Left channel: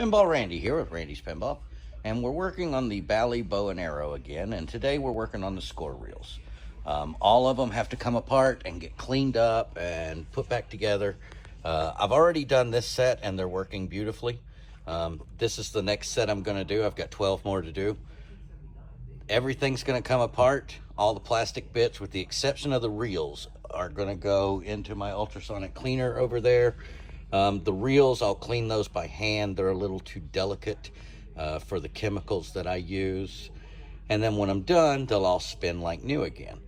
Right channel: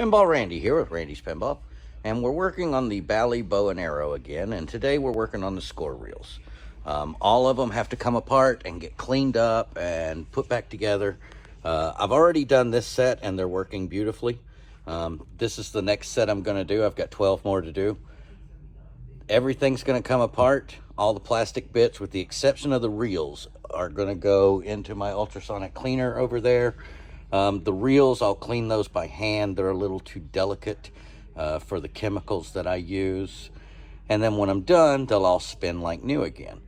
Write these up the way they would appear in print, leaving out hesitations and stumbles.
Pinball Randy here with Randy's Pinball, and we're working on the Bally Bow and Arrow again, and today we're working on the score reels. All of them have to come apart and get cleaned up and put back together. I've already done this set and they're working beautifully. This is the next set I'm going to do. I've got 12 more to do. Everything's going to come apart. All the plastic bits, with the exception of the reels, are going to go into my ultrasonic cleaner over there. The reels, I'll clean those by hand. They're a little too delicate for the chemicals that I use. And then when I'm done, they'll all spin like new again.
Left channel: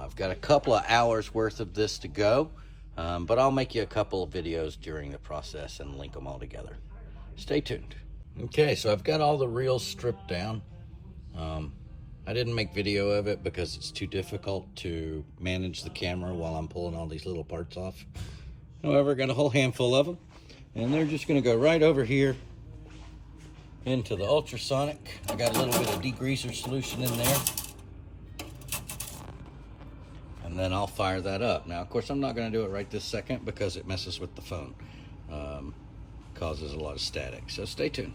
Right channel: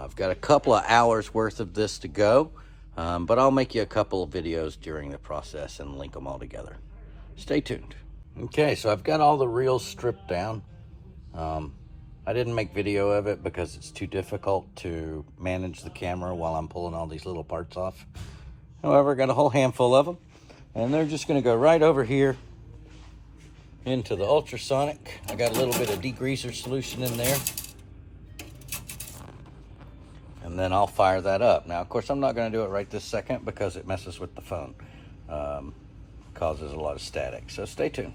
I've got a couple of hours worth of this to go, but I'll make you a couple of videos during the process and link them all together. Stay tuned. Okay, so I've got all the reels stripped down. I didn't make video of it because it's too difficult to manage the camera while I'm pulling all these little parts off. However, I got a whole handful of them, and they're just going to go right over here into the ultrasonic. I got a little bit of degreaser solution in there, and then I'll fire that up. Now, of course, I'm not going to do it right this second because it messes with the phone, causes a lot of static, so stay tuned.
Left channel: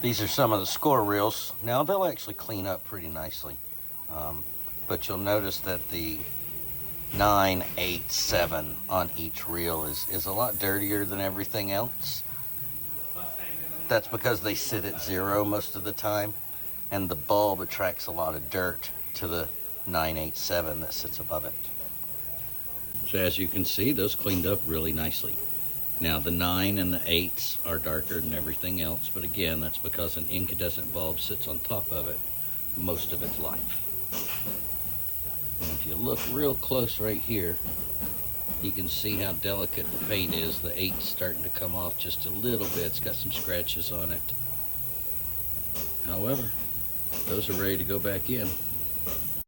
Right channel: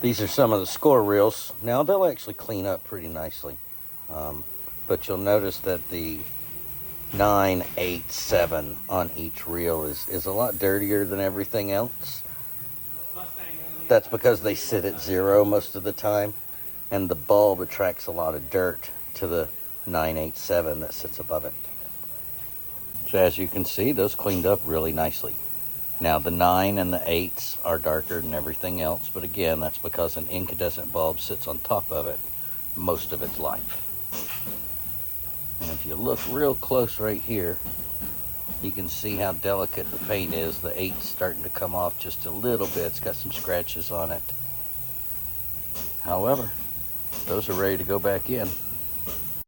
These are some of the score reels. Now, they'll actually clean up pretty nicely, but you'll notice that the 9, 8, 7 on each reel is a lot dirtier than everything else. That's because they sit at 0 most of the time, and the bulb attracts a lot of dirt to the 9, 8, 7 that sits above it. So as you can see, those cleaned up really nicely. Now the 9 and the 8s are darker than everything else, but again, that's because an incandescent bulb sits on top of it most of its life. And if you look real close right here, you can see how delicate the paint is. The 8's starting to come off just a little bit. It's got some scratches on it. However, those are ready to go back in.